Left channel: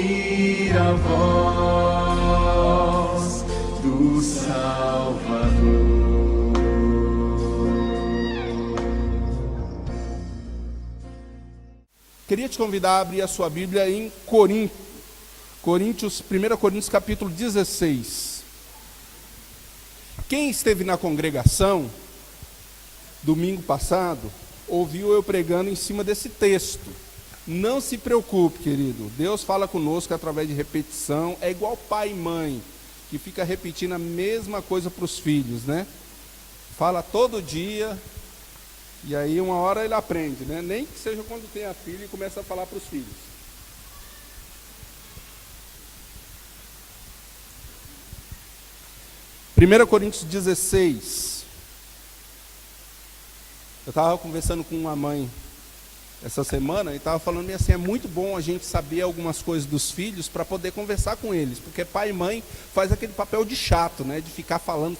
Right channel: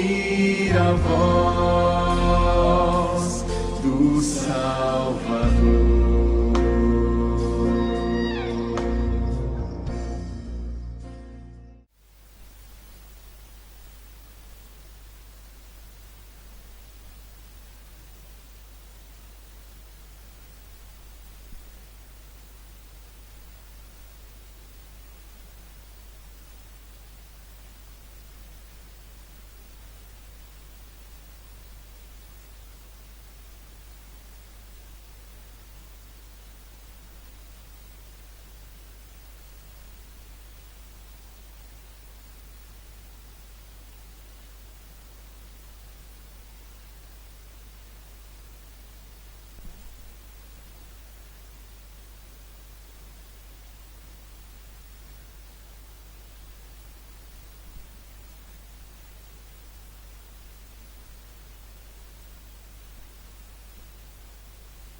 ouvir a voz do Salvador. Queria te convidar a abrir a sua Bíblia em 1 Coríntios capítulo 16. Quem esteve na congregação domingo passado, ouviu eu pregando em cima desse texto. Não se preocupe, querido, Deus fala conosco através de repetição. É igual pai e mãe, que fica repetindo a mesma coisa para os filhos, né? Fala todo dia, e aí uma hora ele aprende, né? Nem que seja quando tem a filha e começa a falar para os filhos. Primeira Coríntios 16. Eu estava conversando com uma mãe essa semana e estava falando assim, é muito bom a gente saber algumas coisas dos filhos para poder conversar com eles, porque pai e mãe faz aquele papel de chato, né? De ficar falando,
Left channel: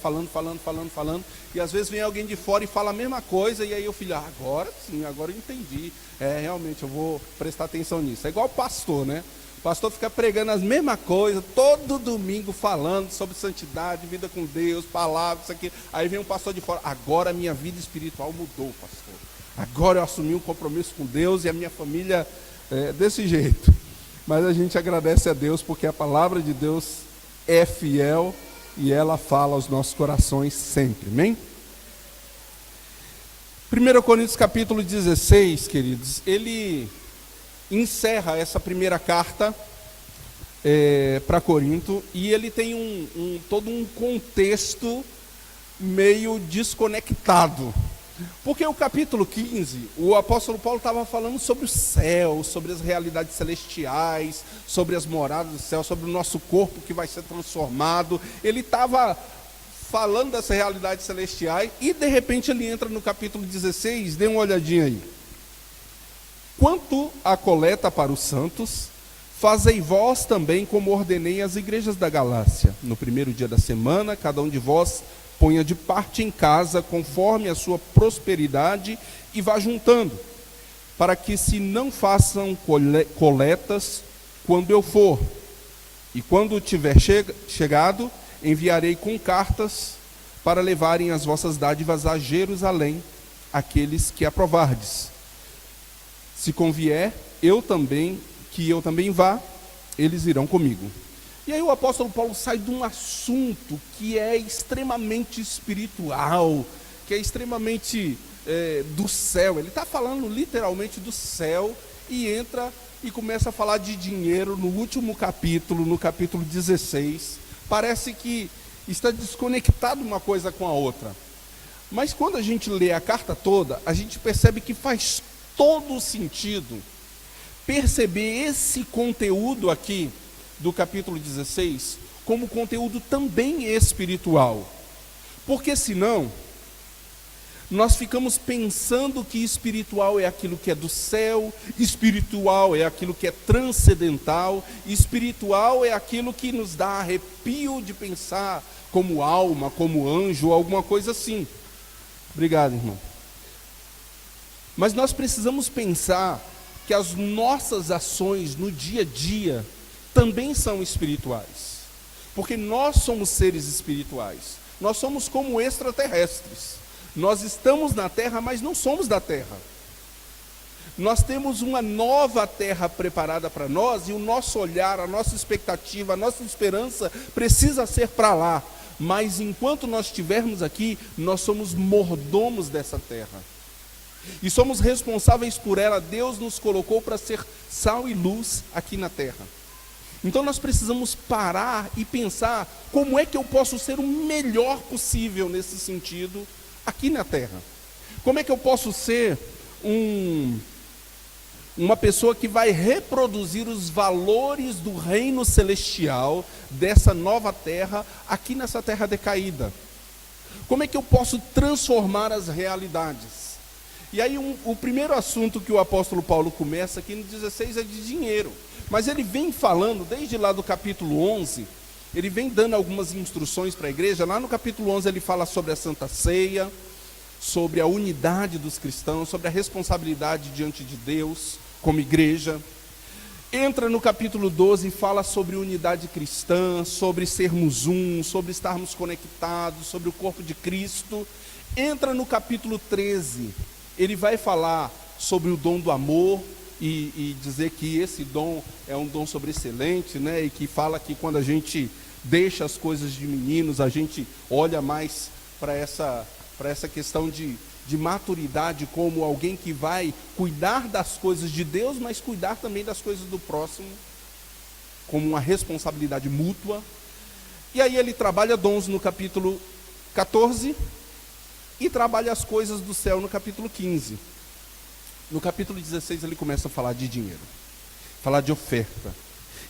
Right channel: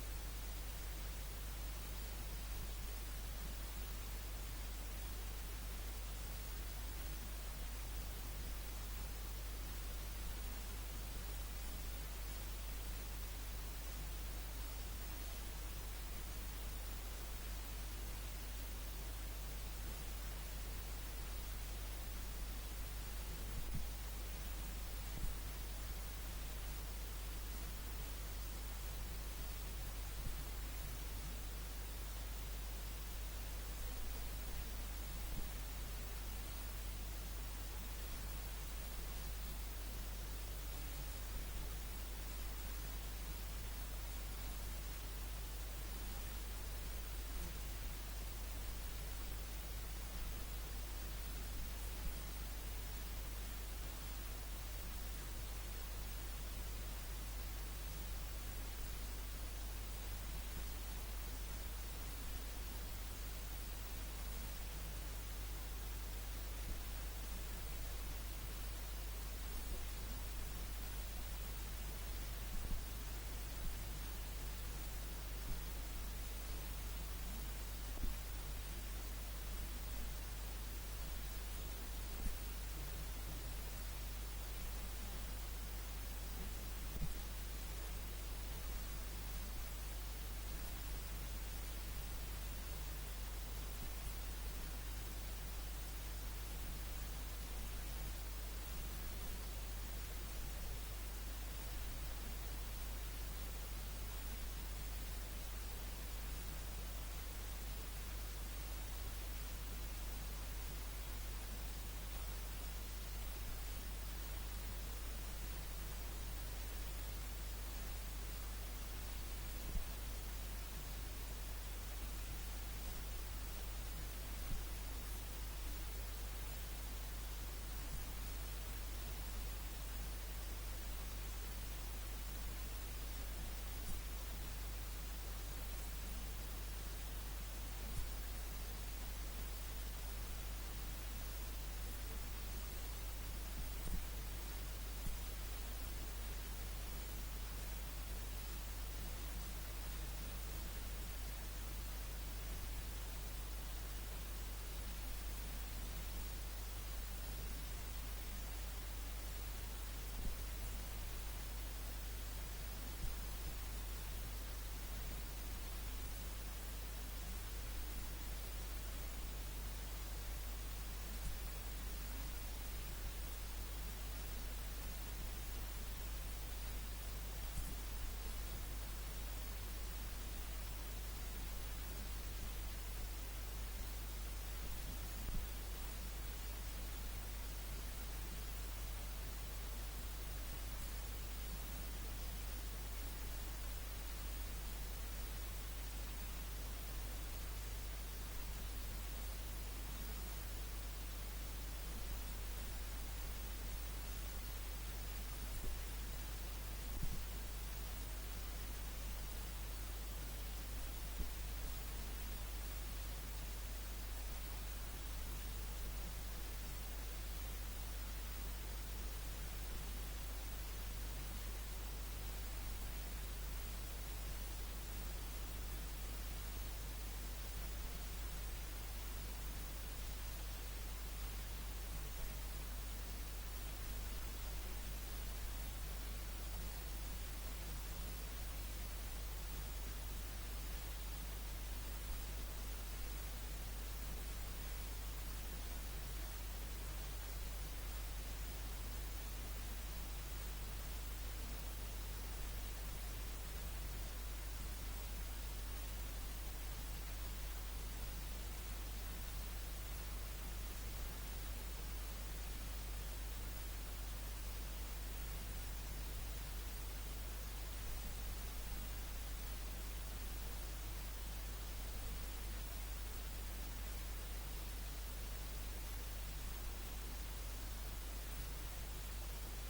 e às vezes vem alguém de fora e fala a mesma coisa, e aí o filho, agora sim, agora eu entendi, realmente eu vou prestar atenção nisso. É igual o pastor, né? O pastor fica pregando as mesmas coisas, todo domingo falando sobre santidade, vida com Deus, palavras, isso aqui. Aí vem um pastor de fora, agora a minha vida espiritual mudou, pastor. Agora eu assumi um compromisso com Deus e a minha família desse jeito. Mas a gente agradece a Deus porque a palavra de Deus é fiel e ela fala aos nossos corações sempre, amém? 1 Coríntios capítulo 16, queridos, ele encerra essa primeira carta para Corinto, e ele tem todo um contexto meio desconectado. Porque o capítulo 15, o apóstolo Paulo estava falando sobre o céu, sobre as realidades celestiais, sobre as moradas do céu, sobre o nosso corpo que vai ser transformado. Ele estava falando dessas realidades celestiais e de repente ele entra no capítulo 16, dê uma olhadinha aí. Quanto à coleta para os santos, fazei vós também como ordenei às igrejas da Galácia. No primeiro dia da semana, cada um de vós ponha de parte em casa, conforme a sua prosperidade, e vá juntando, para que se não façam coletas quando eu for. E quando tiver chegado, enviarei com cartas para levarem as vossas dádivas a Jerusalém, aqueles que aprovardes. Se convier, que eu também vá, eles irão comigo. E aí o apóstolo Paulo sai de um assunto que é extremamente espiritual, que é extremamente do céu. Ele está falando literalmente do céu e entra e começa a falar de dinheiro no último capítulo, no capítulo 16. Parece que está desconectado uma coisa com a outra. Mas quando a gente lê a carta toda, a gente percebe que faz todo o sentido perceber esse conteúdo aqui do capítulo 16 como conteúdo também espiritual. Porque senão nós ficamos pensando que espiritual é aquilo que é do céu, espiritual é aquilo que é transcendental, espiritual é aquilo que nos dá arrepio de pensar como alma, como anjo, alguma coisa assim. Obrigado, irmão. Mas nós precisamos pensar que as nossas ações no dia a dia também são espirituais, porque nós somos seres espirituais, nós somos como extraterrestres, nós estamos na terra, mas não somos da terra, nós temos uma nova terra preparada para nós, e o nosso olhar, a nossa expectativa, a nossa esperança precisa ser para lá, mas enquanto nós estivermos aqui, nós somos mordomos dessa terra, e somos responsáveis por ela. Deus nos colocou para ser sal e luz aqui na terra. Então nós precisamos parar e pensar, como é que eu posso ser o melhor possível nesse sentido aqui na terra? Como é que eu posso ser uma pessoa que vai reproduzir os valores do reino celestial dessa nova terra aqui nessa terra decaída? Como é que eu posso transformar as realidades? E aí o primeiro assunto que o apóstolo Paulo começa aqui no 16 é de dinheiro. Mas ele vem falando, desde lá do capítulo 11, ele vem dando algumas instruções para a igreja. Lá no capítulo 11 ele fala sobre a Santa Ceia, sobre a unidade dos cristãos, sobre a responsabilidade diante de Deus como igreja. Entra no capítulo 12 e fala sobre unidade cristã, sobre sermos um, sobre estarmos conectados, sobre o corpo de Cristo. Entra no capítulo 13, ele vai falar sobre o dom do amor e dizer que esse dom é um dom sobreexcelente, né? E que fala que quando a gente deixa as coisas de meninos, a gente olha mais para essa questão de maturidade como alguém que vai cuidar das coisas de Deus, mas cuidar também das coisas do próximo, como uma responsabilidade mútua. E aí ele trabalha dons no capítulo 14 e trabalha as coisas do céu no capítulo 15. No capítulo 16 ele começa a falar de dinheiro, falar de oferta.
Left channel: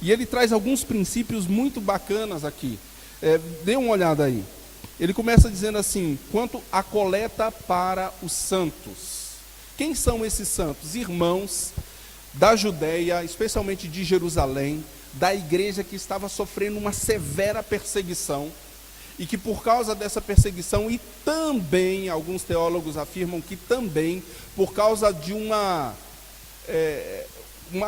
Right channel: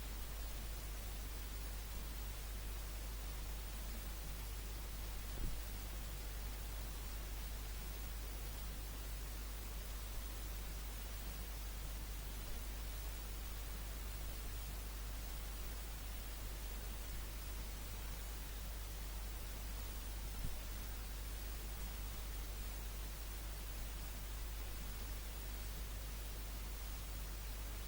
E ele traz alguns princípios muito bacanas aqui. Dê uma olhada aí. Ele começa dizendo assim: quanto à coleta para os santos. Quem são esses santos? Irmãos da Judéia, especialmente de Jerusalém, da igreja que estava sofrendo uma severa perseguição, e que por causa dessa perseguição, e também, alguns teólogos afirmam que também, por causa de uma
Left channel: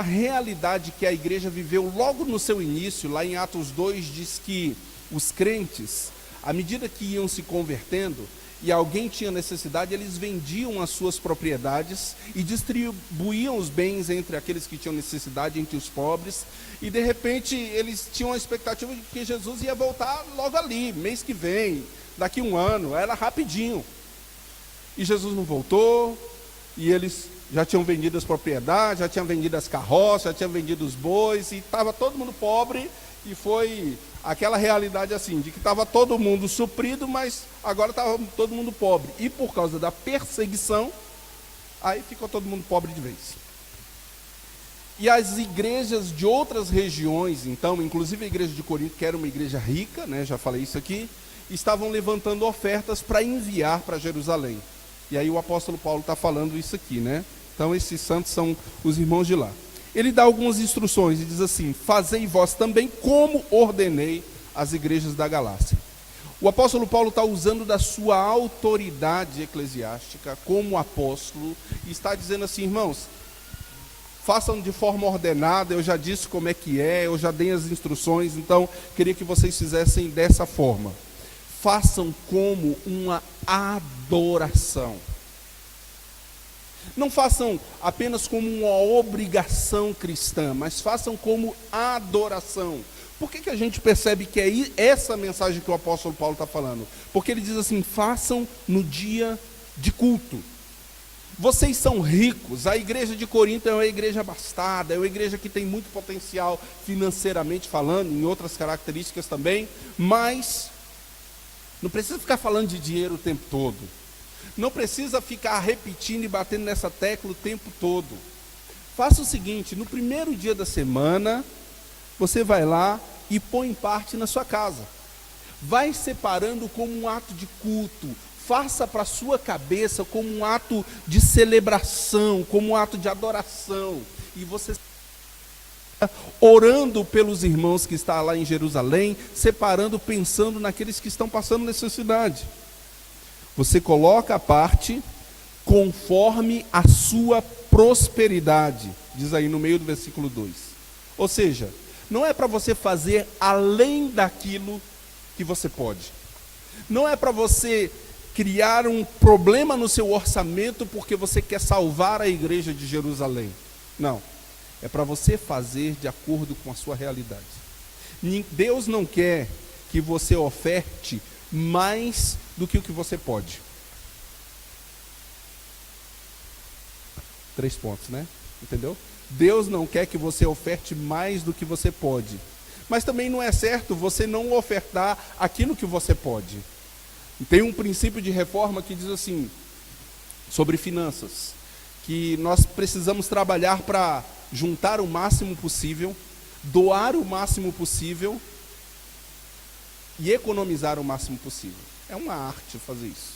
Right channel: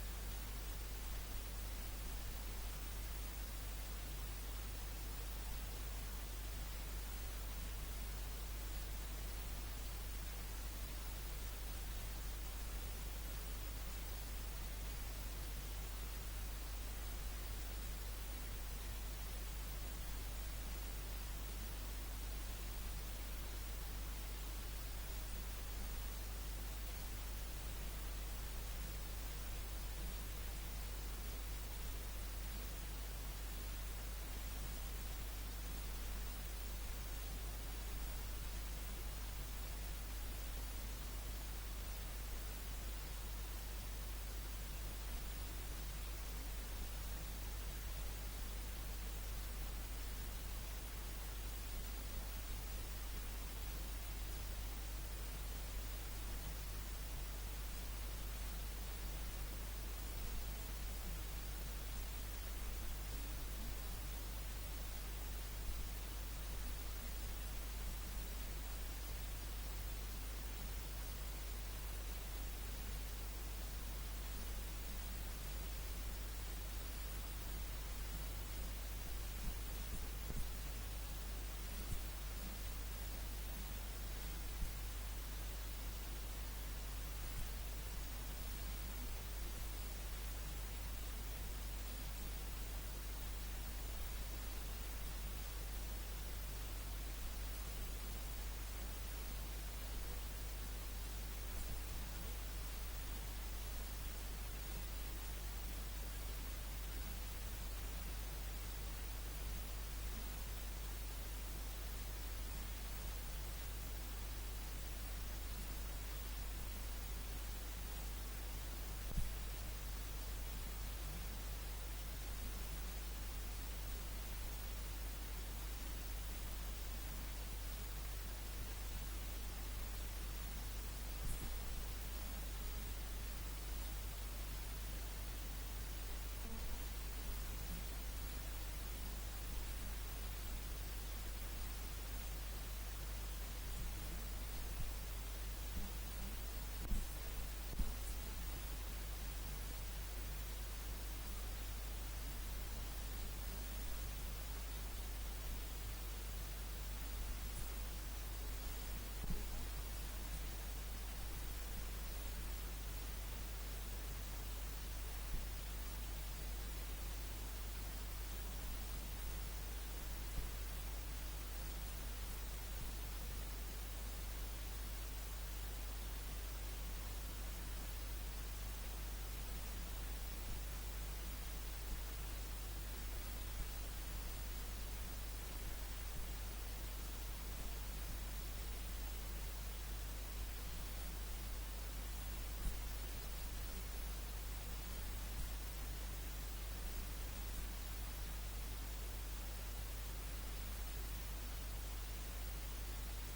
realidade que a igreja viveu logo no seu início, lá em Atos 2, diz que os crentes, à medida que iam se convertendo e alguém tinha necessidade, eles vendiam as suas propriedades e distribuíam os bens entre aqueles que tinham necessidade, entre os pobres, e de repente eles tinham a expectativa de que Jesus ia voltar logo ali, mês que vem, daqui um ano, era rapidinho. E Jesus não voltou, e eles já tinham vendido as propriedades, já tinham vendido as carroças, já tinham vendido os bois, e estava todo mundo pobre, e foi aquela realidade assim, de que estava todo mundo suprido, mas agora estava todo mundo pobre. E por causa da perseguição, aí ficou todo mundo pobre de vez. E as igrejas de outras regiões, então, inclusive a igreja de Corinto, que era uma igreja rica, né, já falei isso aqui, estavam levantando ofertas para enviar para Jerusalém. E aí o apóstolo Paulo está falando isso aqui, né? Então esses santos são os irmãos de lá. Ele dá algumas instruções e diz assim: fazei vós também como ordenei as igrejas da Galácia. O apóstolo Paulo está usando da sua autoridade eclesiástica como apóstolo e está dizendo assim: irmãos, façam de forma ordenada, eu já disse como é que é, eu já dei as instruções, então queria que vocês fizessem dessa forma. Façam como uma adoração. Não façam apenas como uma obrigação cristã, mas façam como adoração. Por que a gente percebe que é essa mensagem que o apóstolo Paulo está falando? Porque ele diz assim: façam no dia de culto. Vocês são ricos, a igreja de Corinto é uma igreja abastada, é uma igreja que tem muito potencial financeiramente falando, em outras características também, mas não precisa ficar falando de dinheiro o tempo todo. Não precisa ficar repetindo e batendo nessa tecla o tempo todo. Faça o seguinte: no primeiro dia da semana, você vai lá e põe parte na sua casa. Vai separando como um ato de culto. Faça para a sua cabeça como um ato de celebração, como um ato de adoração. E você orando pelos irmãos que estão lá em Jerusalém, separando, pensando naqueles que estão passando necessidade. Você coloca a parte conforme a sua prosperidade, diz aí no meio do versículo 2. Ou seja, não é para você fazer além daquilo que você pode. Não é para você criar um problema no seu orçamento porque você quer salvar a igreja de Jerusalém. Não, é para você fazer de acordo com a sua realidade. Deus não quer que você oferte mais do que o que você pode. 3 pontos, né? Entendeu? Deus não quer que você oferte mais do que você pode. Mas também não é certo você não ofertar aquilo que você pode. Tem um princípio de reforma que diz assim, sobre finanças, que nós precisamos trabalhar para juntar o máximo possível, doar o máximo possível e economizar o máximo possível. É uma arte fazer isso.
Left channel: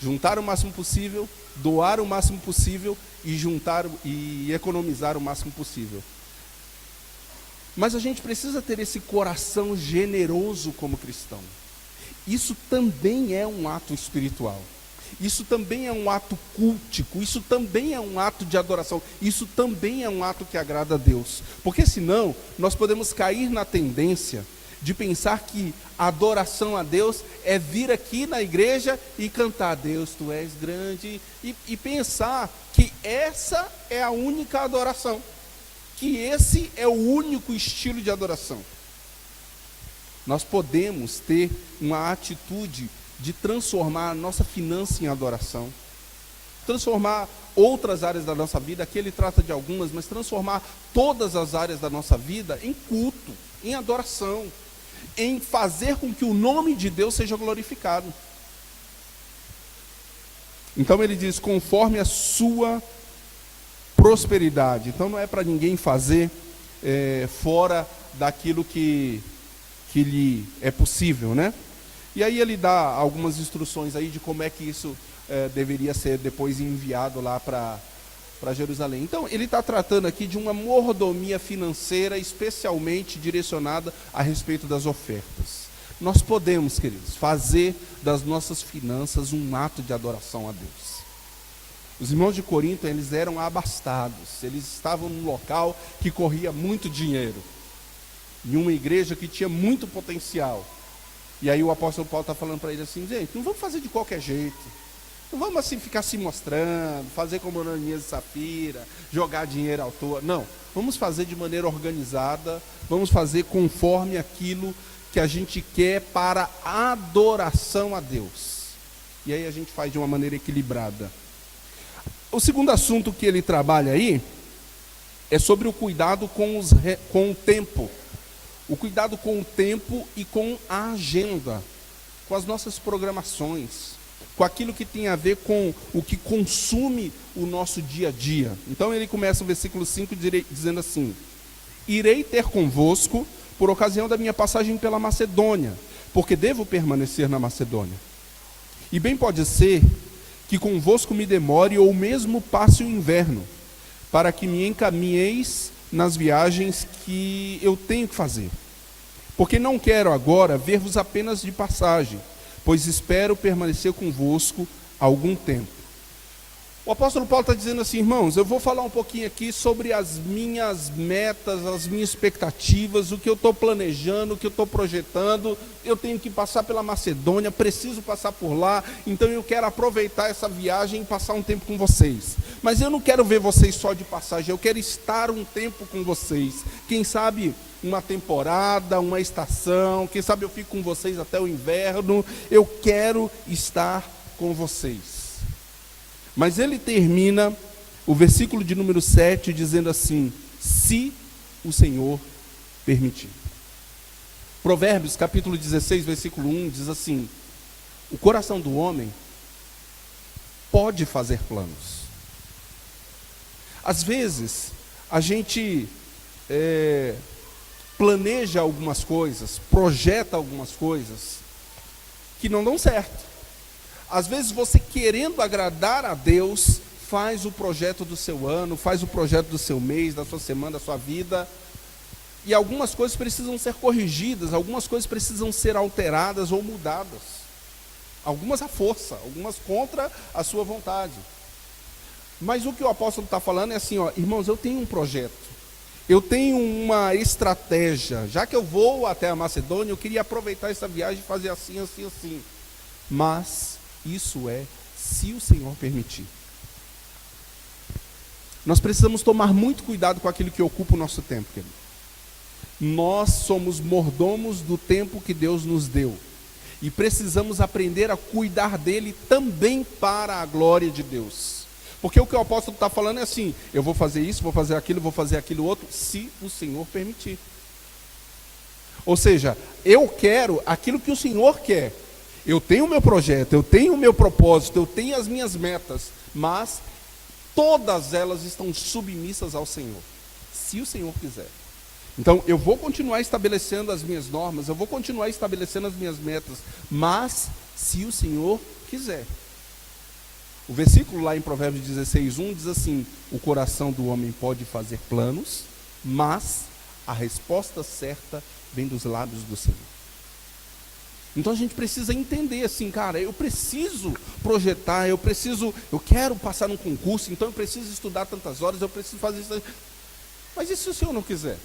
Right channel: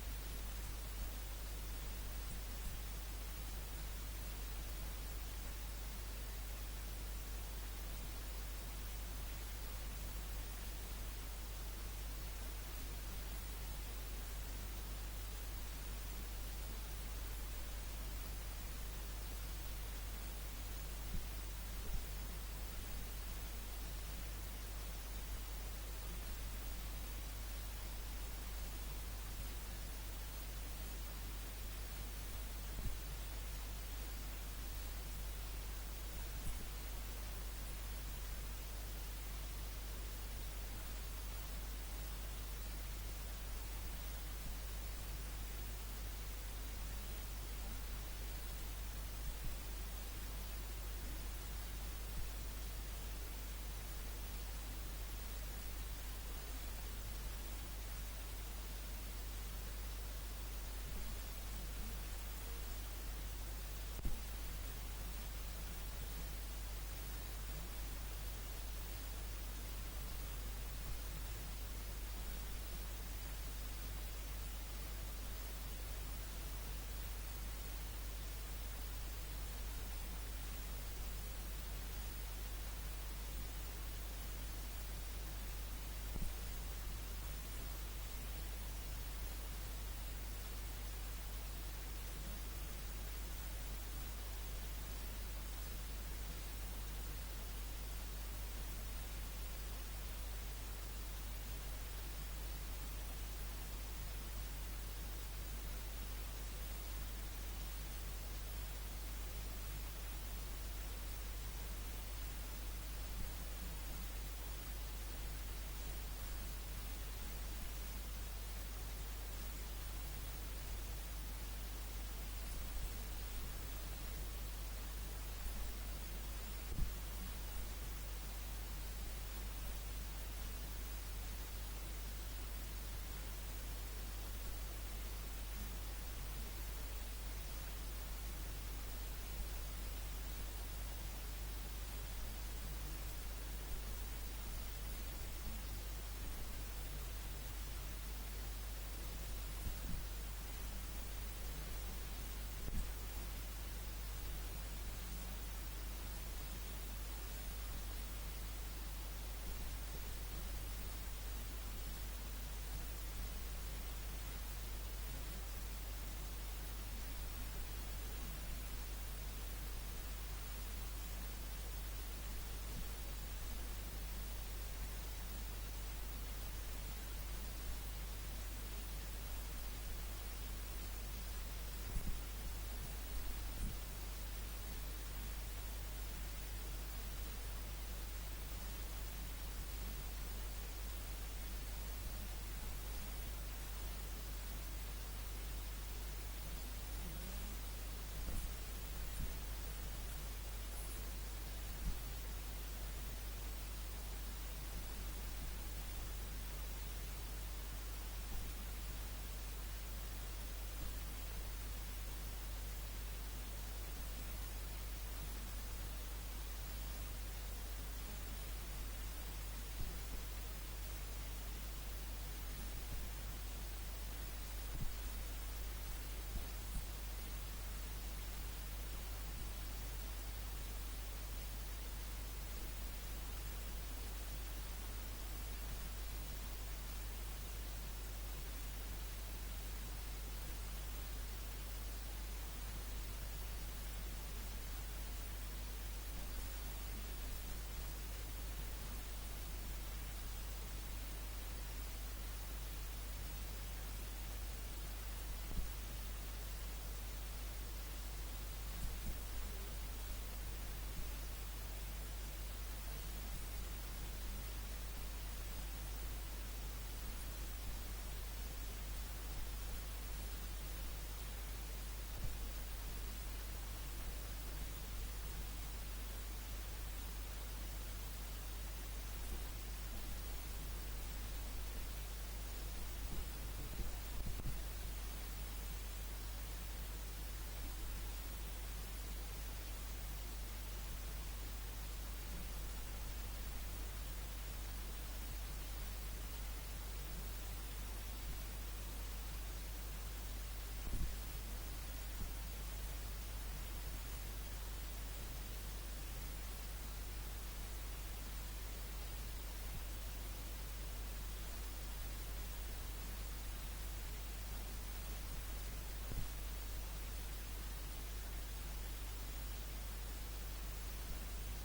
Juntar o máximo possível, doar o máximo possível e economizar o máximo possível. Mas a gente precisa ter esse coração generoso como cristão. Isso também é um ato espiritual. Isso também é um ato cultico, isso também é um ato de adoração, isso também é um ato que agrada a Deus. Porque senão, nós podemos cair na tendência de pensar que a adoração a Deus é vir aqui na igreja e cantar Deus, tu és grande, e pensar que essa é a única adoração, que esse é o único estilo de adoração. Nós podemos ter uma atitude de transformar a nossa finança em adoração, transformar outras áreas da nossa vida, aqui ele trata de algumas, mas transformar todas as áreas da nossa vida em culto, em adoração, em fazer com que o nome de Deus seja glorificado. Então ele diz, conforme a sua prosperidade. Então não é para ninguém fazer fora daquilo que lhe é possível, né? E aí ele dá algumas instruções aí de como é que isso deveria ser depois enviado lá para Jerusalém. Então ele está tratando aqui de uma mordomia financeira especialmente direcionada a respeito das ofertas. Nós podemos, queridos, fazer das nossas finanças um ato de adoração a Deus. Os irmãos de Corinto, eles eram abastados, eles estavam num local que corria muito dinheiro, em uma igreja que tinha muito potencial. E aí o apóstolo Paulo está falando para ele assim, gente, não vamos fazer de qualquer jeito, não vamos assim ficar se mostrando, fazer como Ananias e Safira, jogar dinheiro à toa, não, vamos fazer de maneira organizada, vamos fazer conforme aquilo que a gente quer para adoração a Deus. E aí a gente faz de uma maneira equilibrada. O segundo assunto que ele trabalha aí é sobre o cuidado com o tempo. O cuidado com o tempo e com a agenda, com as nossas programações, com aquilo que tem a ver com o que consome o nosso dia a dia. Então ele começa o versículo 5 dizendo assim: irei ter convosco por ocasião da minha passagem pela Macedônia, porque devo permanecer na Macedônia. E bem pode ser que convosco me demore ou mesmo passe o inverno, para que me encaminheis nas viagens que eu tenho que fazer. Porque não quero agora ver-vos apenas de passagem, pois espero permanecer convosco algum tempo. O apóstolo Paulo está dizendo assim, irmãos, eu vou falar um pouquinho aqui sobre as minhas metas, as minhas expectativas, o que eu estou planejando, o que eu estou projetando. Eu tenho que passar pela Macedônia, preciso passar por lá, então eu quero aproveitar essa viagem e passar um tempo com vocês. Mas eu não quero ver vocês só de passagem, eu quero estar um tempo com vocês. Quem sabe uma temporada, uma estação, quem sabe eu fico com vocês até o inverno. Eu quero estar com vocês. Mas ele termina o versículo de número 7 dizendo assim, se o Senhor permitir. Provérbios capítulo 16, versículo 1 diz assim, o coração do homem pode fazer planos. Às vezes, a gente planeja algumas coisas, projeta algumas coisas que não dão certo. Às vezes você, querendo agradar a Deus, faz o projeto do seu ano, faz o projeto do seu mês, da sua semana, da sua vida, e algumas coisas precisam ser corrigidas, algumas coisas precisam ser alteradas ou mudadas. Algumas à força, algumas contra a sua vontade. Mas o que o apóstolo está falando é assim, ó, irmãos, eu tenho um projeto, eu tenho uma estratégia, já que eu vou até a Macedônia, eu queria aproveitar essa viagem e fazer assim, assim, assim. Mas isso é se o Senhor permitir. Nós precisamos tomar muito cuidado com aquilo que ocupa o nosso tempo, querido. Nós somos mordomos do tempo que Deus nos deu. E precisamos aprender a cuidar dele também para a glória de Deus. Porque o que o apóstolo está falando é assim, eu vou fazer isso, vou fazer aquilo outro, se o Senhor permitir. Ou seja, eu quero aquilo que o Senhor quer. Eu tenho o meu projeto, eu tenho o meu propósito, eu tenho as minhas metas, mas todas elas estão submissas ao Senhor, se o Senhor quiser. Então, eu vou continuar estabelecendo as minhas normas, eu vou continuar estabelecendo as minhas metas, mas se o Senhor quiser. O versículo lá em Provérbios 16, 1 diz assim, o coração do homem pode fazer planos, mas a resposta certa vem dos lábios do Senhor. Então a gente precisa entender assim, cara, eu preciso projetar, eu quero passar num concurso, então eu preciso estudar tantas horas, eu preciso fazer isso. Mas e se o Senhor não quiser?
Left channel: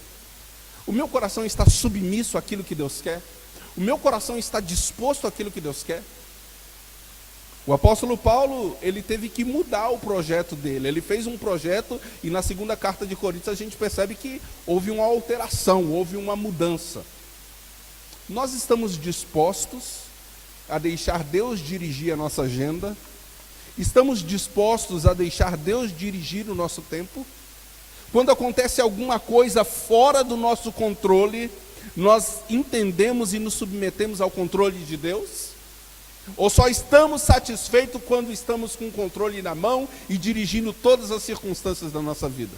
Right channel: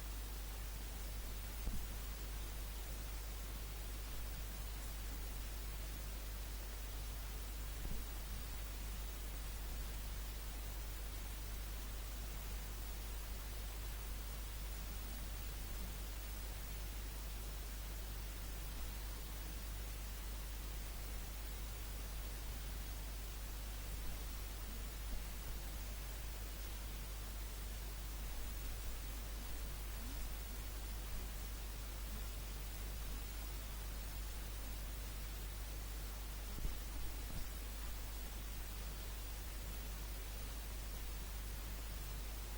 O meu coração está submisso àquilo que Deus quer? O meu coração está disposto àquilo que Deus quer? O apóstolo Paulo, ele teve que mudar o projeto dele. Ele fez um projeto e na segunda carta de Coríntios a gente percebe que houve uma alteração, houve uma mudança. Nós estamos dispostos a deixar Deus dirigir a nossa agenda? Estamos dispostos a deixar Deus dirigir o nosso tempo? Quando acontece alguma coisa fora do nosso controle, nós entendemos e nos submetemos ao controle de Deus? Ou só estamos satisfeitos quando estamos com o controle na mão e dirigindo todas as circunstâncias da nossa vida?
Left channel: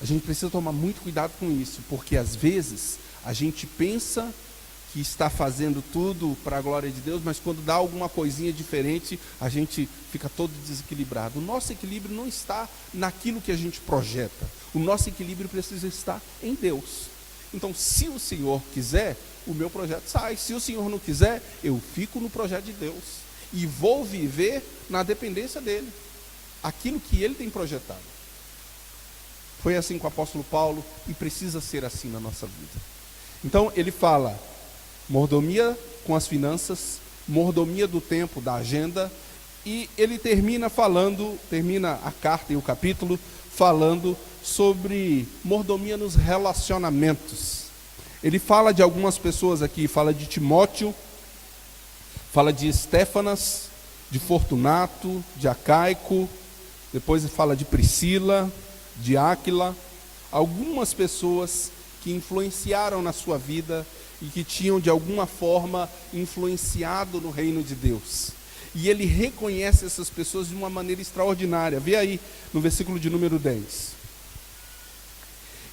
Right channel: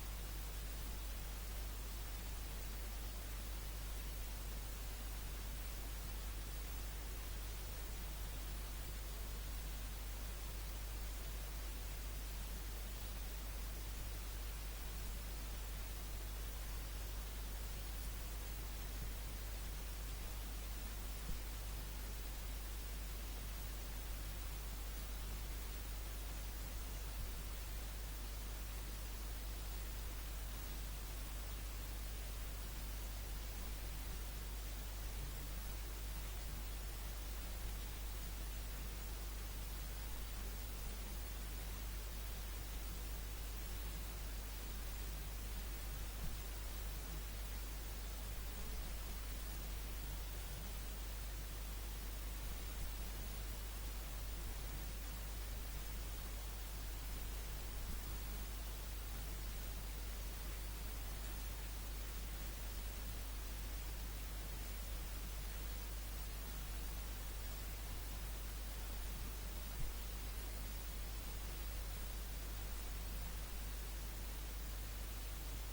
A gente precisa tomar muito cuidado com isso, porque às vezes a gente pensa que está fazendo tudo para a glória de Deus, mas quando dá alguma coisinha diferente, a gente fica todo desequilibrado. O nosso equilíbrio não está naquilo que a gente projeta. O nosso equilíbrio precisa estar em Deus. Então, se o Senhor quiser, o meu projeto sai. Se o Senhor não quiser, eu fico no projeto de Deus. E vou viver na dependência dEle. Aquilo que Ele tem projetado. Foi assim com o apóstolo Paulo e precisa ser assim na nossa vida. Então, ele fala mordomia com as finanças, mordomia do tempo, da agenda, e ele termina a carta e o capítulo falando sobre mordomia nos relacionamentos. Ele fala de algumas pessoas aqui, fala de Timóteo, fala de Estéfanas, de Fortunato, de Acaico, depois ele fala de Priscila, de Áquila, algumas pessoas que influenciaram na sua vida e que tinham de alguma forma influenciado no reino de Deus. E ele reconhece essas pessoas de uma maneira extraordinária. Vê aí no versículo de número 10.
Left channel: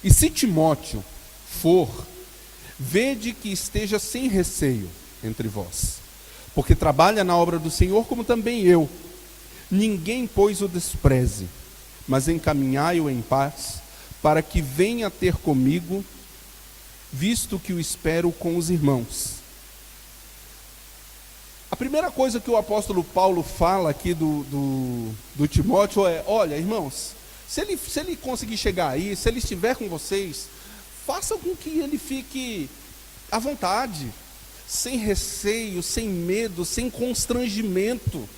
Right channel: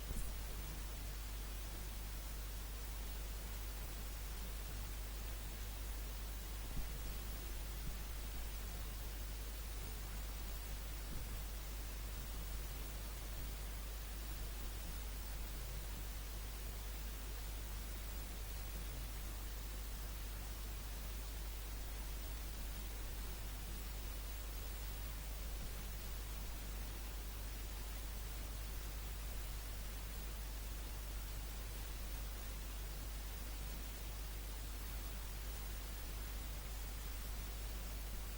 E se Timóteo for, vede que esteja sem receio entre vós, porque trabalha na obra do Senhor como também eu. Ninguém, pois, o despreze, mas encaminhai-o em paz, para que venha ter comigo, visto que o espero com os irmãos. A primeira coisa que o apóstolo Paulo fala aqui do Timóteo é: olha, irmãos, se ele conseguir chegar aí, se ele estiver com vocês, faça com que ele fique à vontade, sem receio, sem medo, sem constrangimento.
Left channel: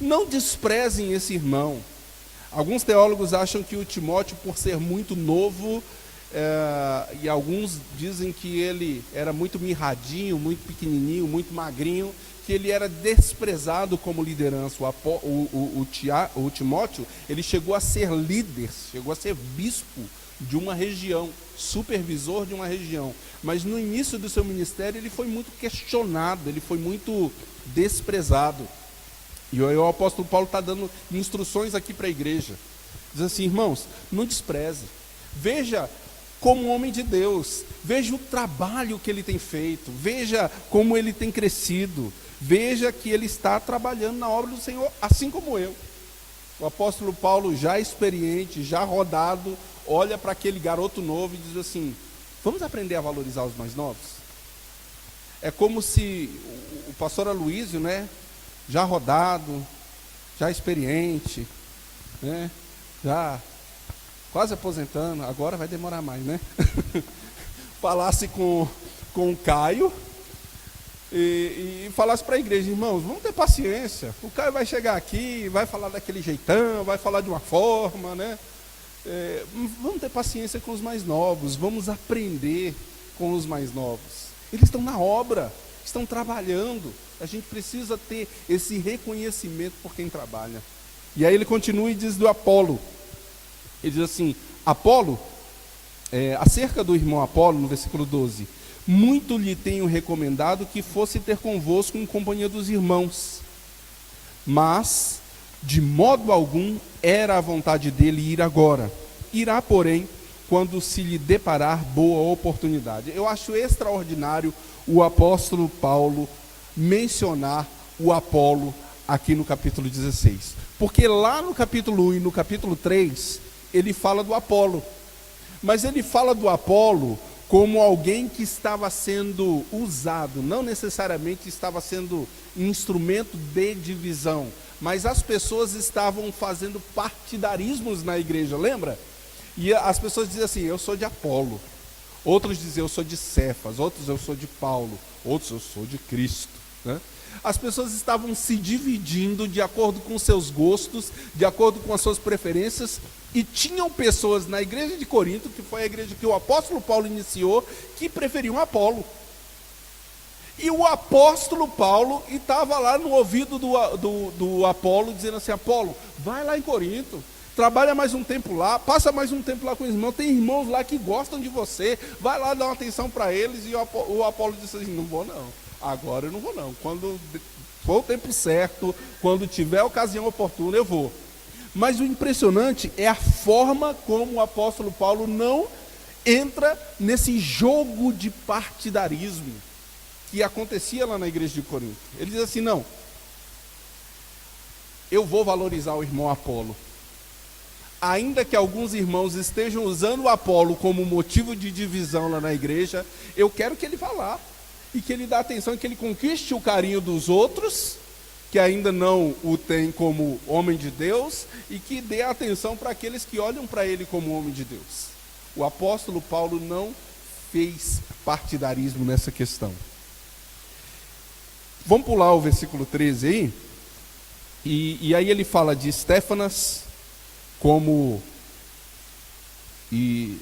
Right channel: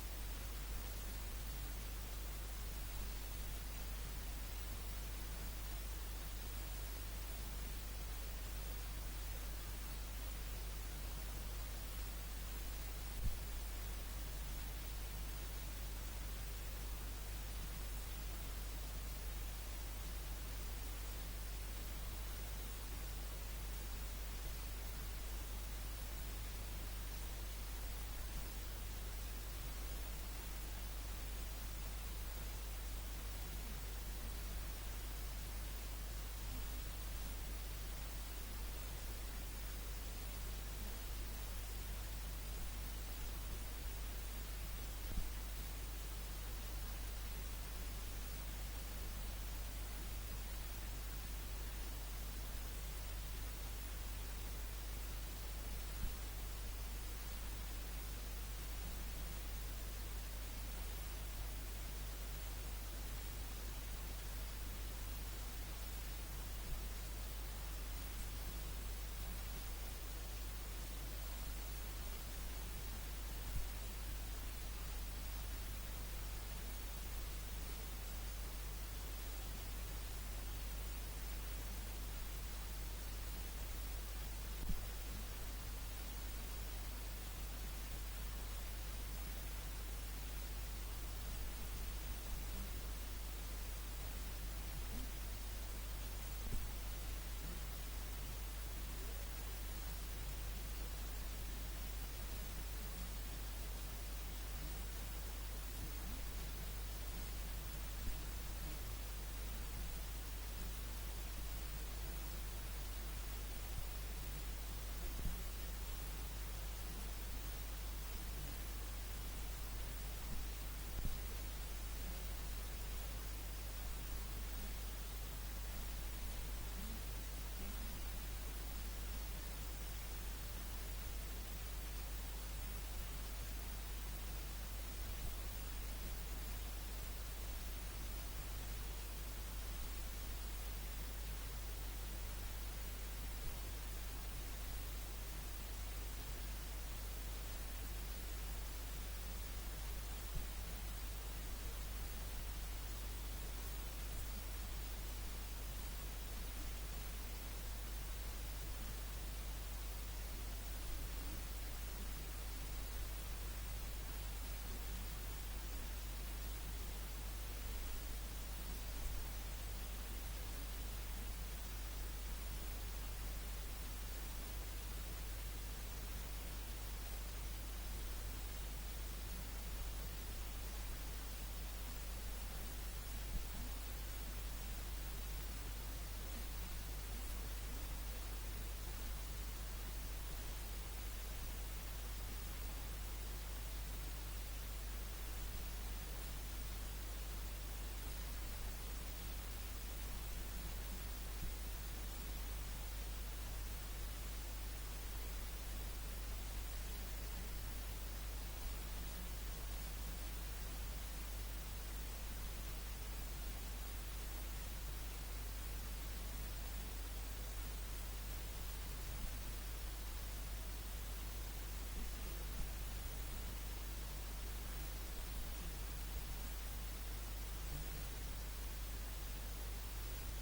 Não desprezem esse irmão. Alguns teólogos acham que o Timóteo, por ser muito novo, e alguns dizem que ele era muito mirradinho, muito pequenininho, muito magrinho, que ele era desprezado como liderança. O Timóteo, ele chegou a ser líder, chegou a ser bispo de uma região, supervisor de uma região. Mas no início do seu ministério ele foi muito questionado, ele foi muito desprezado. E o apóstolo Paulo está dando instruções aqui para a igreja. Diz assim: irmãos, não despreze. Veja como um homem de Deus. Veja o trabalho que ele tem feito. Veja como ele tem crescido. Veja que ele está trabalhando na obra do Senhor, assim como eu. O apóstolo Paulo, já experiente, já rodado, olha para aquele garoto novo e diz assim: vamos aprender a valorizar os mais novos? É como se o pastor Aloísio, né, já rodado, já experiente, né, já quase aposentando, agora vai demorar mais, né? Falasse com o Caio e falasse para a igreja: irmãos, vamos ter paciência, o Caio vai chegar aqui, vai falar daquele jeitão, vai falar de uma forma, né? Vamos ter paciência com os mais novos, vamos aprender com os mais novos. Eles estão na obra, estão trabalhando. A gente precisa ter esse reconhecimento por quem trabalha. E aí ele continua e diz do Apolo. Ele diz assim: Apolo, acerca do irmão Apolo, no versículo 12: muito lhe tenho recomendado que fosse ter convosco em companhia dos irmãos, mas de modo algum era a vontade dele ir agora. Irá, porém, quando se lhe deparar boa oportunidade. Eu acho extraordinário o apóstolo Paulo mencionar o Apolo aqui no capítulo 16. Porque lá no capítulo 1 e no capítulo 3, ele fala do Apolo. Mas ele fala do Apolo como alguém que estava sendo usado, não necessariamente estava sendo instrumento de divisão, mas as pessoas estavam fazendo partidarismos na igreja, lembra? E as pessoas diziam assim, eu sou de Apolo, outros diziam eu sou de Cefas, outros eu sou de Paulo, outros eu sou de Cristo, né? As pessoas estavam se dividindo de acordo com seus gostos, de acordo com as suas preferências, e tinham pessoas na igreja de Corinto, que foi a igreja que o apóstolo Paulo iniciou, que preferiam Apolo. E o apóstolo Paulo estava lá no ouvido do Apolo, dizendo assim, Apolo, vai lá em Corinto, trabalha mais um tempo lá, passa mais um tempo lá com os irmãos, tem irmãos lá que gostam de você, vai lá dar uma atenção para eles. E o Apolo disse assim, não vou não, agora eu não vou não, quando for o tempo certo, quando tiver a ocasião oportuna, eu vou. Mas o impressionante é a forma como o apóstolo Paulo não entra nesse jogo de partidarismo que acontecia lá na igreja de Corinto. Ele diz assim, não, eu vou valorizar o irmão Apolo. Ainda que alguns irmãos estejam usando o Apolo como motivo de divisão lá na igreja, eu quero que ele vá lá e que ele dê atenção, que ele conquiste o carinho dos outros, que ainda não o tem como homem de Deus, e que dê atenção para aqueles que olham para ele como homem de Deus. O apóstolo Paulo não fez partidarismo nessa questão. Vamos pular o versículo 13 aí, e aí ele fala de Estéfanas como e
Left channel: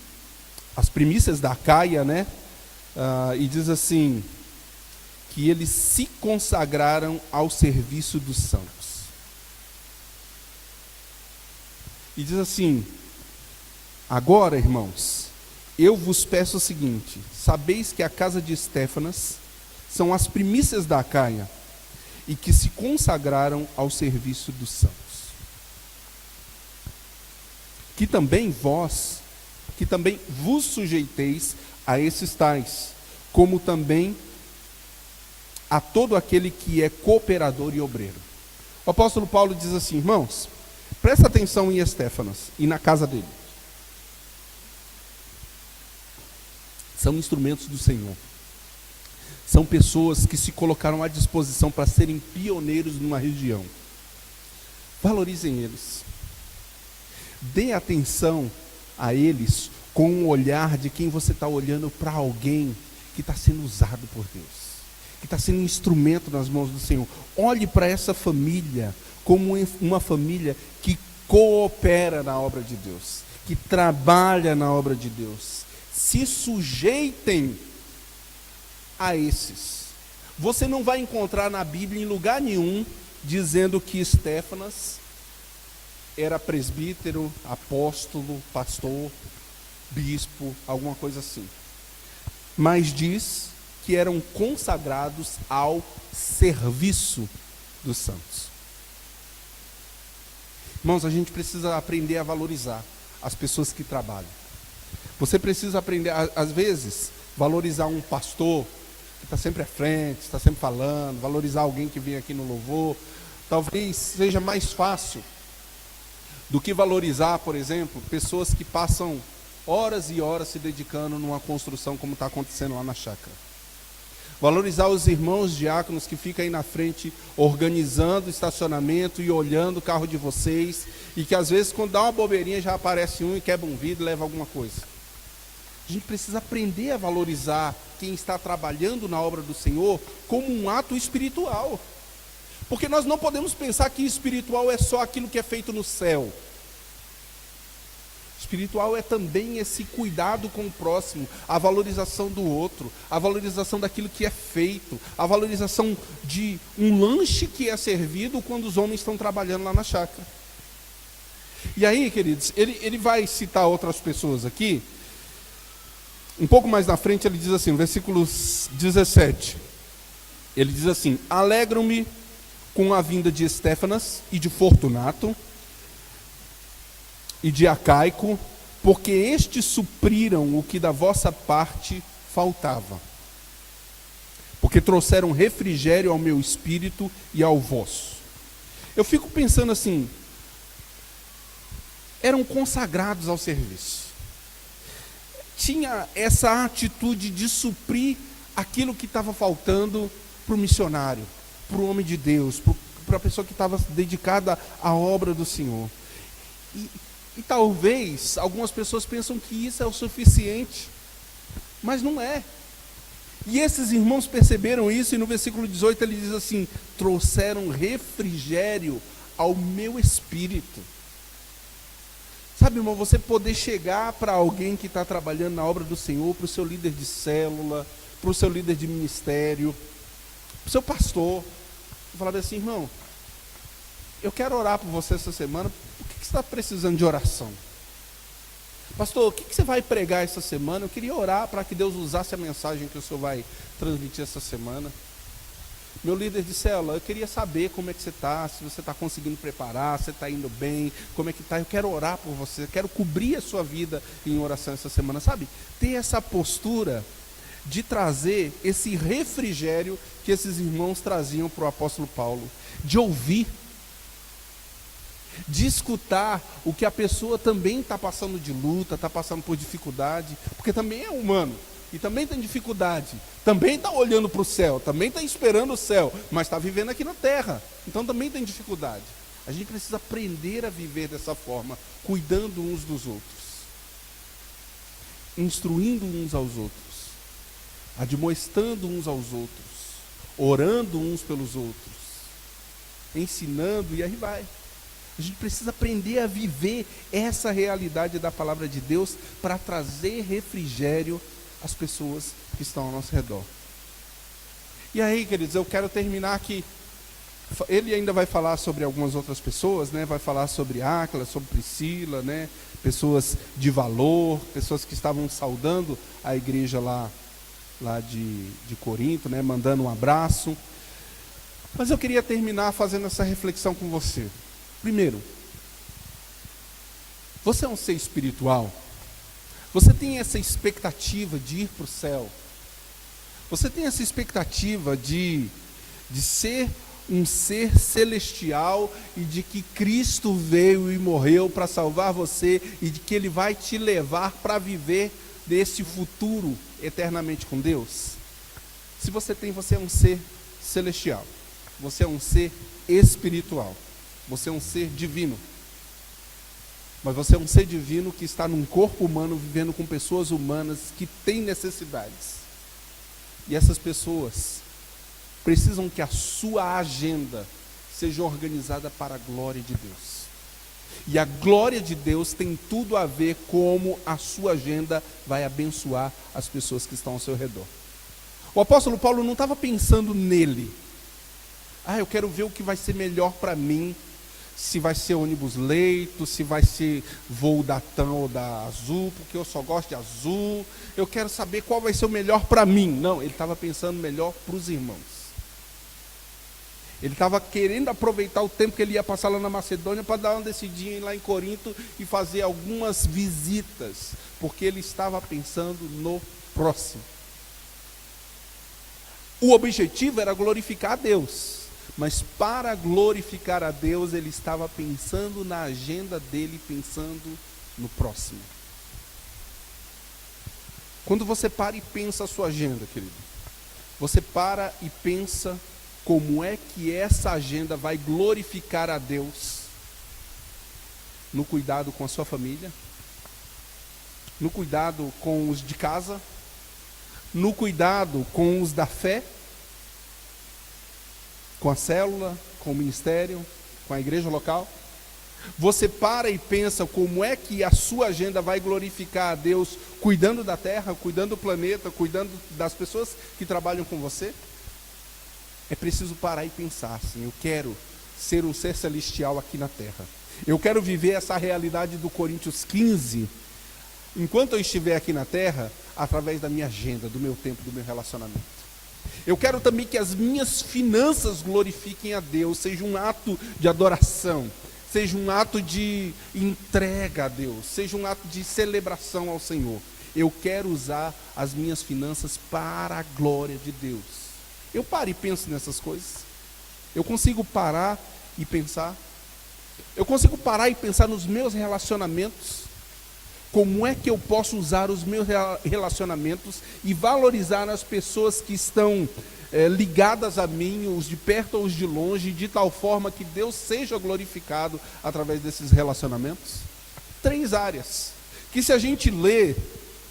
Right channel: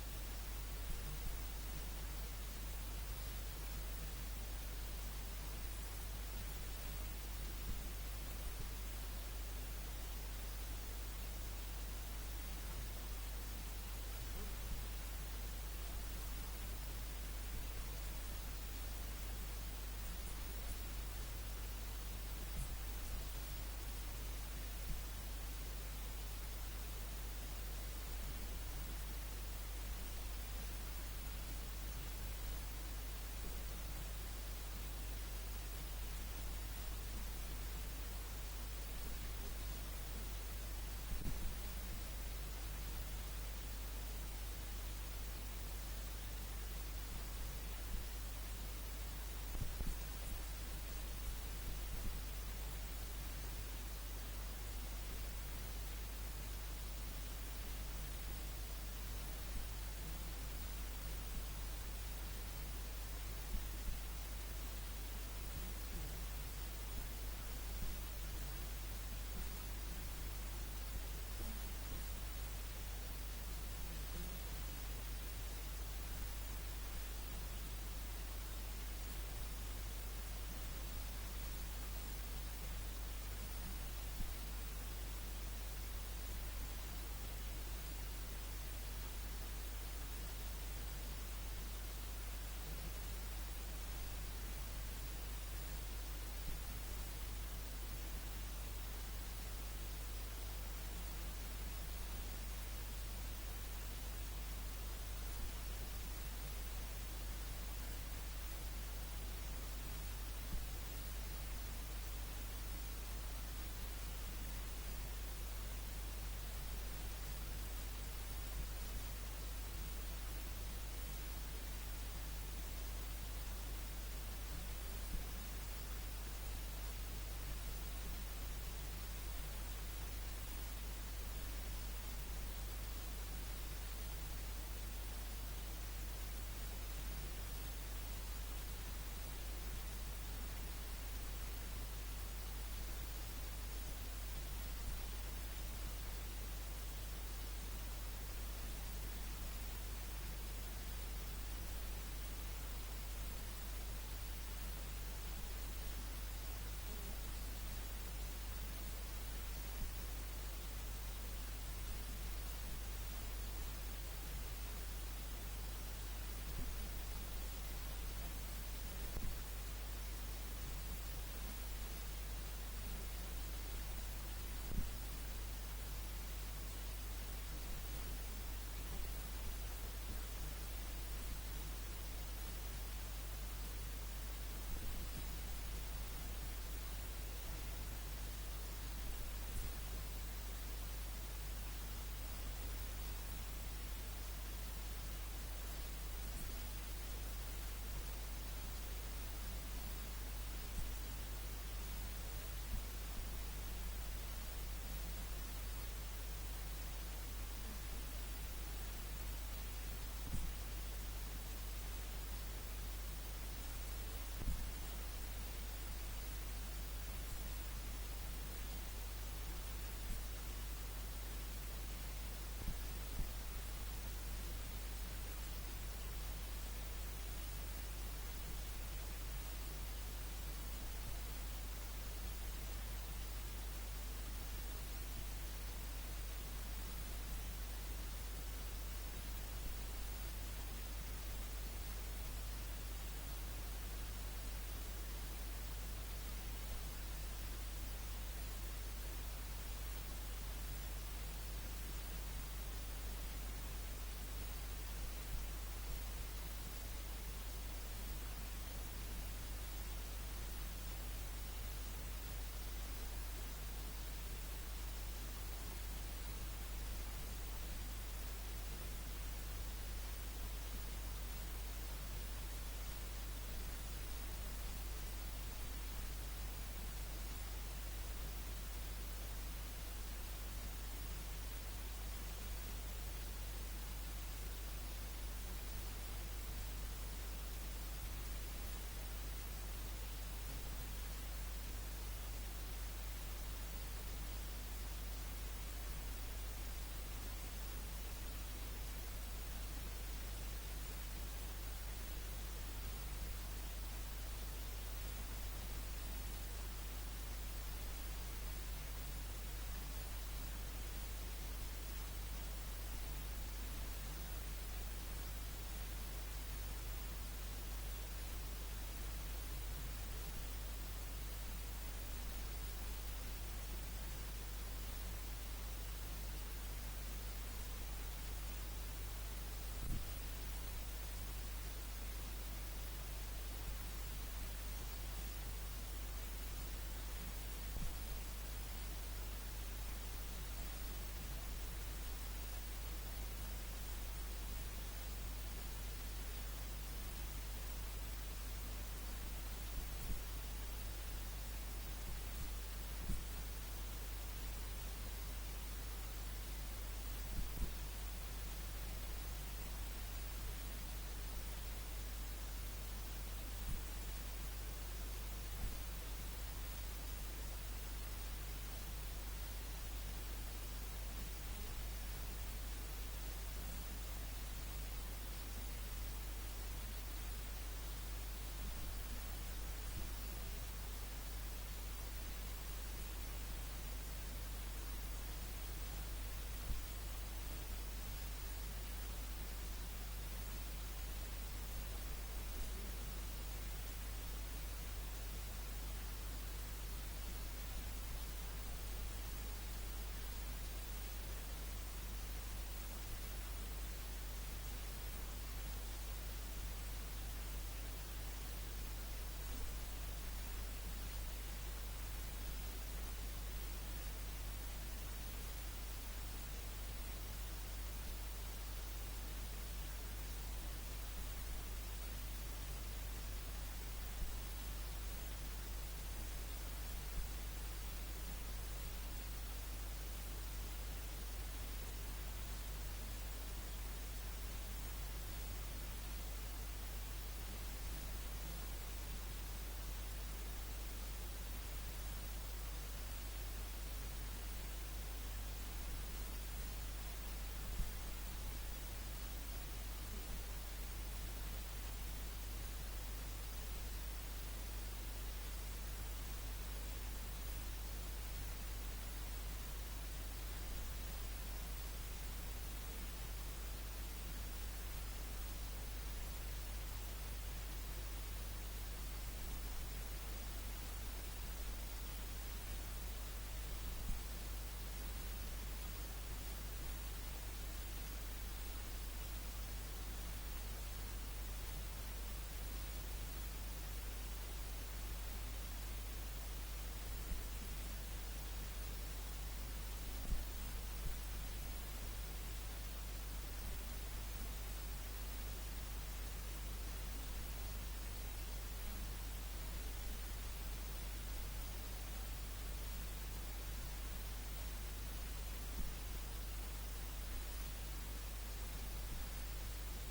as primícias da Acaia, né? E diz assim, que eles se consagraram ao serviço dos santos. E diz assim, agora, irmãos, eu vos peço o seguinte, sabeis que a casa de Estéfanas são as primícias da Acaia, e que se consagraram ao serviço dos santos. Que também vos sujeiteis a esses tais, como também a todo aquele que é cooperador e obreiro. O apóstolo Paulo diz assim, irmãos, presta atenção em Estéfanas e na casa dele. São instrumentos do Senhor. São pessoas que se colocaram à disposição para serem pioneiros numa região. Valorizem eles. Dê atenção a eles com um olhar de quem você está olhando para alguém que está sendo usado por Deus, que está sendo instrumento nas mãos do Senhor. Olhe para essa família como uma família que coopera na obra de Deus, que trabalha na obra de Deus. Se sujeitem a esses. Você não vai encontrar na Bíblia em lugar nenhum dizendo que Estéfanas era presbítero, apóstolo, pastor, bispo, alguma coisa assim. Mas diz que eram consagrados ao serviço dos santos. Irmãos, a gente precisa aprender a valorizar as pessoas que trabalham. Você precisa aprender, às vezes, valorizar um pastor que está sempre à frente, está sempre falando, valorizar alguém que vem aqui no louvor. Talvez seja mais fácil do que valorizar, por exemplo, pessoas que passam horas e horas se dedicando numa construção como está acontecendo lá na chácara. Valorizar os irmãos diáconos que ficam aí na frente organizando o estacionamento e olhando o carro de vocês, e que às vezes quando dá uma bobeirinha já aparece um e quebra um vidro e leva alguma coisa. A gente precisa aprender a valorizar quem está trabalhando na obra do Senhor como um ato espiritual. Porque nós não podemos pensar que espiritual é só aquilo que é feito no céu. Espiritual é também esse cuidado com o próximo, a valorização do outro, a valorização daquilo que é feito, a valorização de um lanche que é servido quando os homens estão trabalhando lá na chácara. E aí, queridos, ele vai citar outras pessoas aqui. Um pouco mais na frente ele diz assim, no versículo 17, ele diz assim, alegro-me com a vinda de Estéfanas e de Fortunato e de Acaico, porque estes supriram o que da vossa parte faltava, porque trouxeram refrigério ao meu espírito e ao vosso. Eu fico pensando assim, eram consagrados ao serviço. tinha essa atitude de suprir aquilo que estava faltando para o missionário, para o homem de Deus, para a pessoa que estava dedicada à obra do Senhor. E talvez algumas pessoas pensam que isso é o suficiente, mas não é. E esses irmãos perceberam isso, e no versículo 18 ele diz assim: trouxeram refrigério ao meu espírito. Sabe, irmão, você poder chegar para alguém que está trabalhando na obra do Senhor, para o seu líder de célula, para o seu líder de ministério, para o seu pastor, e falar assim: irmão, eu quero orar por você essa semana. Por que você está precisando de oração? Pastor, o que você vai pregar essa semana? Eu queria orar para que Deus usasse a mensagem que o senhor vai transmitir essa semana. Meu líder de célula, eu queria saber como é que você está, se você está conseguindo preparar, se está indo bem, como é que está. Eu quero orar por você, eu quero cobrir a sua vida em oração essa semana. Sabe, ter essa postura de trazer esse refrigério que esses irmãos traziam para o apóstolo Paulo, de ouvir, de escutar o que a pessoa também está passando de luta, está passando por dificuldade, porque também é humano, e também tem dificuldade, também está olhando para o céu, também está esperando o céu, mas está vivendo aqui na terra, então também tem dificuldade. A gente precisa aprender a viver dessa forma, cuidando uns dos outros, instruindo uns aos outros, admoestando uns aos outros, orando uns pelos outros, ensinando, e aí vai. A gente precisa aprender a viver essa realidade da palavra de Deus para trazer refrigério às pessoas que estão ao nosso redor. E aí, queridos, eu quero terminar aqui. Ele ainda vai falar sobre algumas outras pessoas, né? Vai falar sobre Áquila, sobre Priscila, né? Pessoas de valor, pessoas que estavam saudando a igreja lá de Corinto, né? Mandando um abraço. Mas eu queria terminar fazendo essa reflexão com você. Primeiro, você é um ser espiritual? Você tem essa expectativa de ir para o céu? Você tem essa expectativa de ser um ser celestial e de que Cristo veio e morreu para salvar você e de que Ele vai te levar para viver desse futuro eternamente com Deus? Se você tem, você é um ser celestial. Você é um ser espiritual. Você é um ser divino. Mas você é um ser divino que está num corpo humano, vivendo com pessoas humanas que têm necessidades. E essas pessoas precisam que a sua agenda seja organizada para a glória de Deus. E a glória de Deus tem tudo a ver como a sua agenda vai abençoar as pessoas que estão ao seu redor. O apóstolo Paulo não estava pensando nele. Eu quero ver o que vai ser melhor para mim. Se vai ser ônibus leito, se vai ser voo da TAM ou da Azul, porque eu só gosto de Azul. Eu quero saber qual vai ser o melhor para mim. Não, ele estava pensando melhor para os irmãos. Ele estava querendo aproveitar o tempo que ele ia passar lá na Macedônia para dar uma descidinha lá em Corinto e fazer algumas visitas, porque ele estava pensando no próximo. O objetivo era glorificar a Deus. Mas para glorificar a Deus, ele estava pensando na agenda dele, pensando no próximo. Quando você para e pensa a sua agenda, querido, você para e pensa como é que essa agenda vai glorificar a Deus no cuidado com a sua família, no cuidado com os de casa, no cuidado com os da fé, com a célula, com o ministério, com a igreja local. Você para e pensa como é que a sua agenda vai glorificar a Deus, cuidando da terra, cuidando do planeta, cuidando das pessoas que trabalham com você. É preciso parar e pensar assim: eu quero ser um ser celestial aqui na terra. Eu quero viver essa realidade do Coríntios 15, enquanto eu estiver aqui na terra, através da minha agenda, do meu tempo, do meu relacionamento. Eu quero também que as minhas finanças glorifiquem a Deus, seja um ato de adoração, seja um ato de entrega a Deus, seja um ato de celebração ao Senhor. Eu quero usar as minhas finanças para a glória de Deus. Eu paro e penso nessas coisas. Eu consigo parar e pensar. Eu consigo parar e pensar nos meus relacionamentos. Como é que eu posso usar os meus relacionamentos e valorizar as pessoas que estão ligadas a mim, os de perto ou os de longe, de tal forma que Deus seja glorificado através desses relacionamentos? 3 áreas, que se a gente lê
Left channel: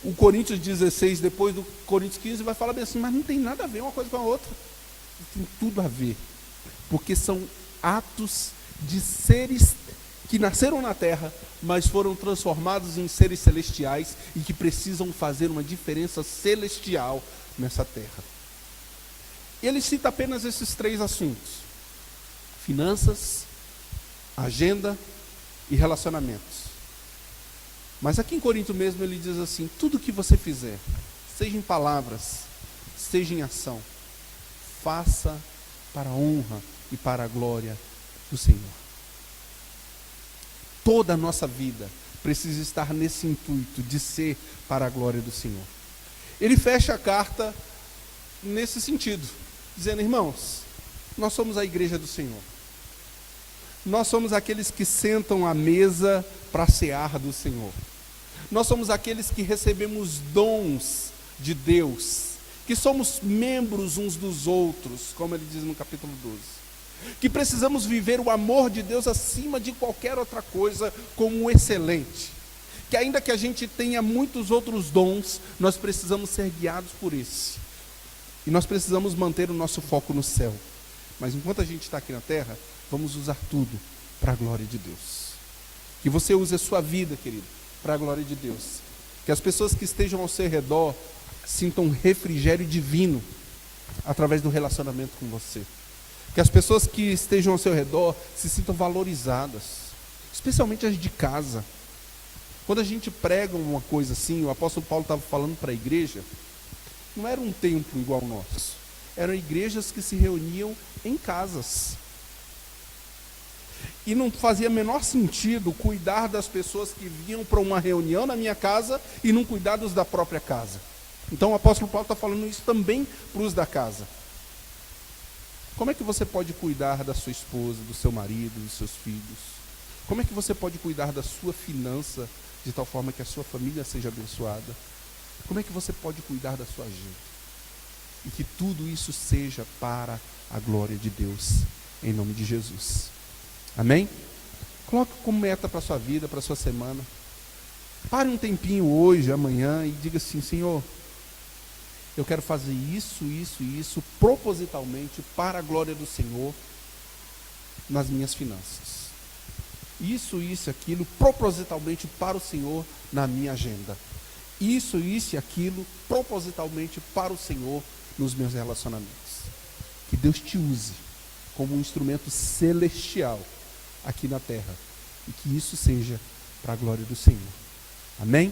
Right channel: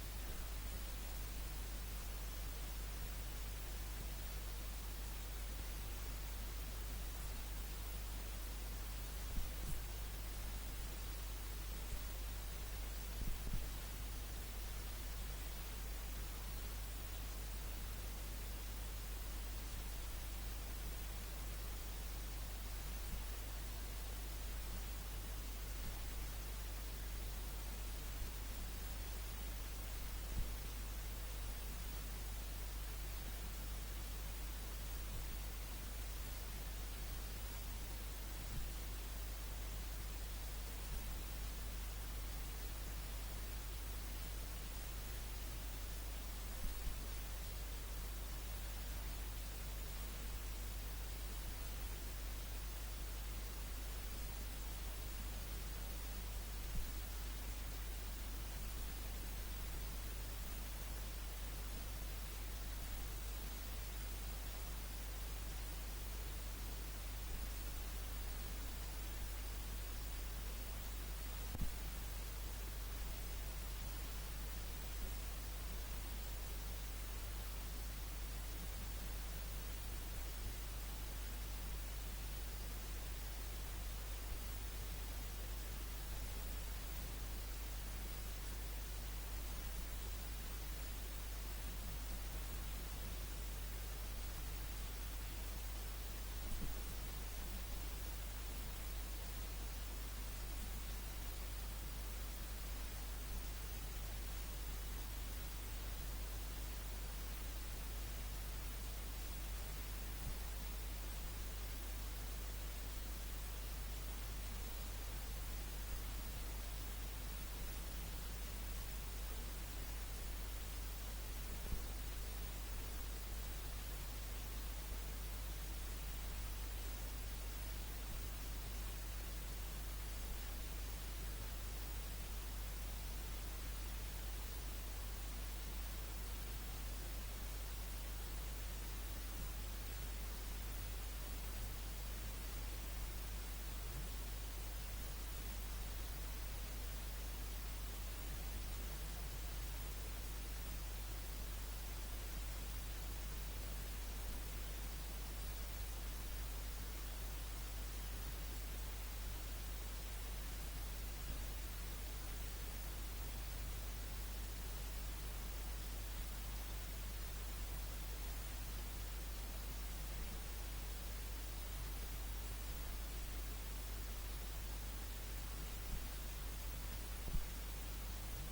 o Coríntios 16, depois do Coríntios 15, vai falar bem assim, mas não tem nada a ver uma coisa com a outra. Tem tudo a ver, porque são atos de seres que nasceram na terra, mas foram transformados em seres celestiais e que precisam fazer uma diferença celestial nessa terra. Ele cita apenas esses 3 assuntos: finanças, agenda e relacionamentos. Mas aqui em Corinto mesmo ele diz assim: tudo que você fizer, seja em palavras, seja em ação, faça para a honra e para a glória do Senhor. Toda a nossa vida precisa estar nesse intuito de ser para a glória do Senhor. Ele fecha a carta nesse sentido, dizendo: irmãos, nós somos a igreja do Senhor. Nós somos aqueles que sentam à mesa para cear do Senhor. Nós somos aqueles que recebemos dons de Deus, que somos membros uns dos outros, como ele diz no capítulo 12. Que precisamos viver o amor de Deus acima de qualquer outra coisa como excelente. Que ainda que a gente tenha muitos outros dons, nós precisamos ser guiados por esse. E nós precisamos manter o nosso foco no céu. Mas enquanto a gente está aqui na terra, vamos usar tudo para a glória de Deus. Que você use a sua vida, querido, para a glória de Deus. Que as pessoas que estejam ao seu redor sintam um refrigério divino através do relacionamento com você. Que as pessoas que estejam ao seu redor se sintam valorizadas, especialmente as de casa. Quando a gente prega uma coisa assim, o apóstolo Paulo estava falando para a igreja, não era um templo igual ao nosso, eram igrejas que se reuniam em casas. E não fazia menor sentido cuidar das pessoas que vinham para uma reunião na minha casa e não cuidar dos da própria casa. Então o apóstolo Paulo está falando isso também para os da casa. Como é que você pode cuidar da sua esposa, do seu marido, dos seus filhos? Como é que você pode cuidar da sua finança de tal forma que a sua família seja abençoada? Como é que você pode cuidar da sua agenda? E que tudo isso seja para a glória de Deus, em nome de Jesus. Amém? Coloque como meta para a sua vida, para a sua semana. Pare um tempinho hoje, amanhã, e diga assim: Senhor, eu quero fazer isso, isso e isso, propositalmente, para a glória do Senhor, nas minhas finanças. Isso e aquilo, propositalmente para o Senhor, na minha agenda. Isso e aquilo, propositalmente para o Senhor, nos meus relacionamentos. Que Deus te use como um instrumento celestial aqui na terra. E que isso seja para a glória do Senhor. Amém?